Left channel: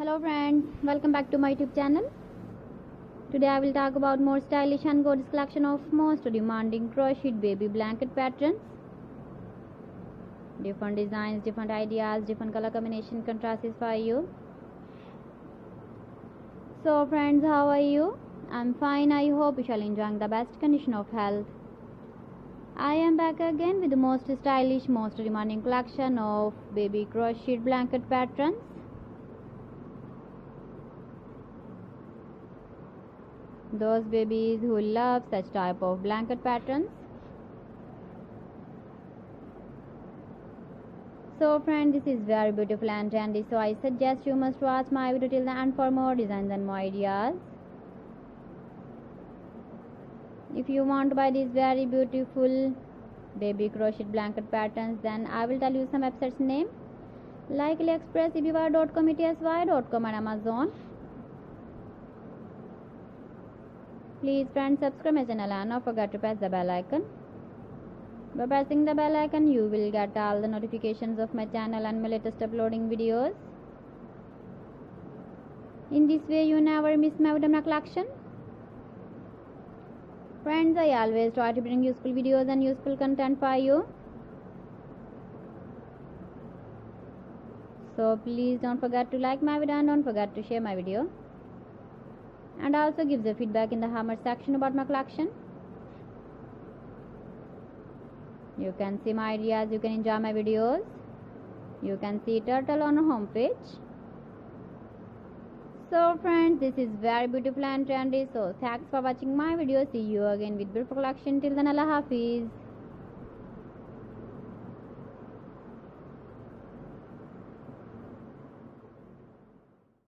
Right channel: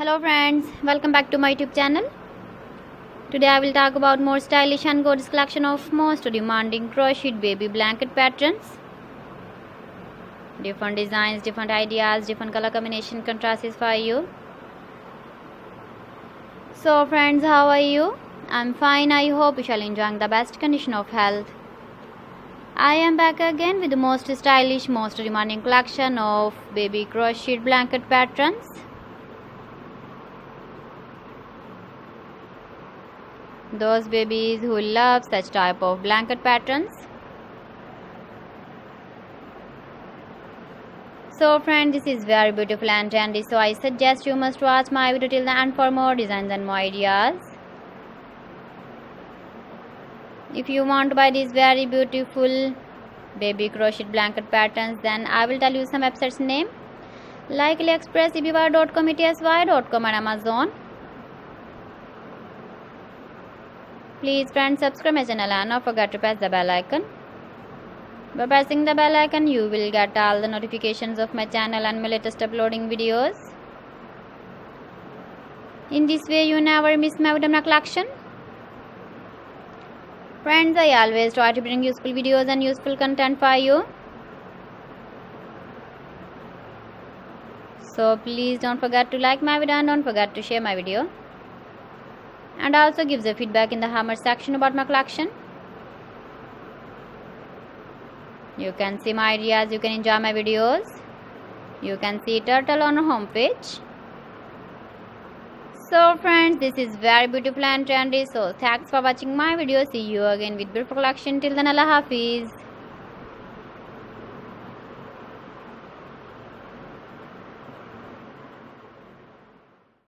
Hello friends, welcome back to my YouTube channel. Today I will talk about more stylish and gorgeous collection of most demanding crocheted baby blanket patterns. Different designs, different ideas, different color combination contrasts for you. So friends, how are you? I'm fine. I hope you shall enjoy the best condition of health. I am back again with the most stylish, most demanding collection of baby crocheted blanket patterns. Those babies who love such type of blanket patterns. So friends, this is very beautiful and trendy, so I suggest you must watch my video till the end for more designs and more ideas. If you want to buy these very beautiful baby crocheted blanket patterns, then I will tell you some websites name like AliExpress, eBay.com, etsy.com and Amazon. Please friends, subscribe my channel and don't forget to press the bell icon. By pressing the bell icon, you will get all the notifications of my channel and my latest uploading videos. In this way, you never miss my video collection. Friends, I always try to bring useful videos and useful content for you. So please don't forget to like my video and don't forget to share my video. And also give the feedback in the comment section about my collection. You can see my ideas, you can enjoy my videos. You can see turtle on our homepage. So friends, this is very beautiful and trendy. So thanks for watching my video. See you again with beautiful collection. Till then, Allah Hafiz.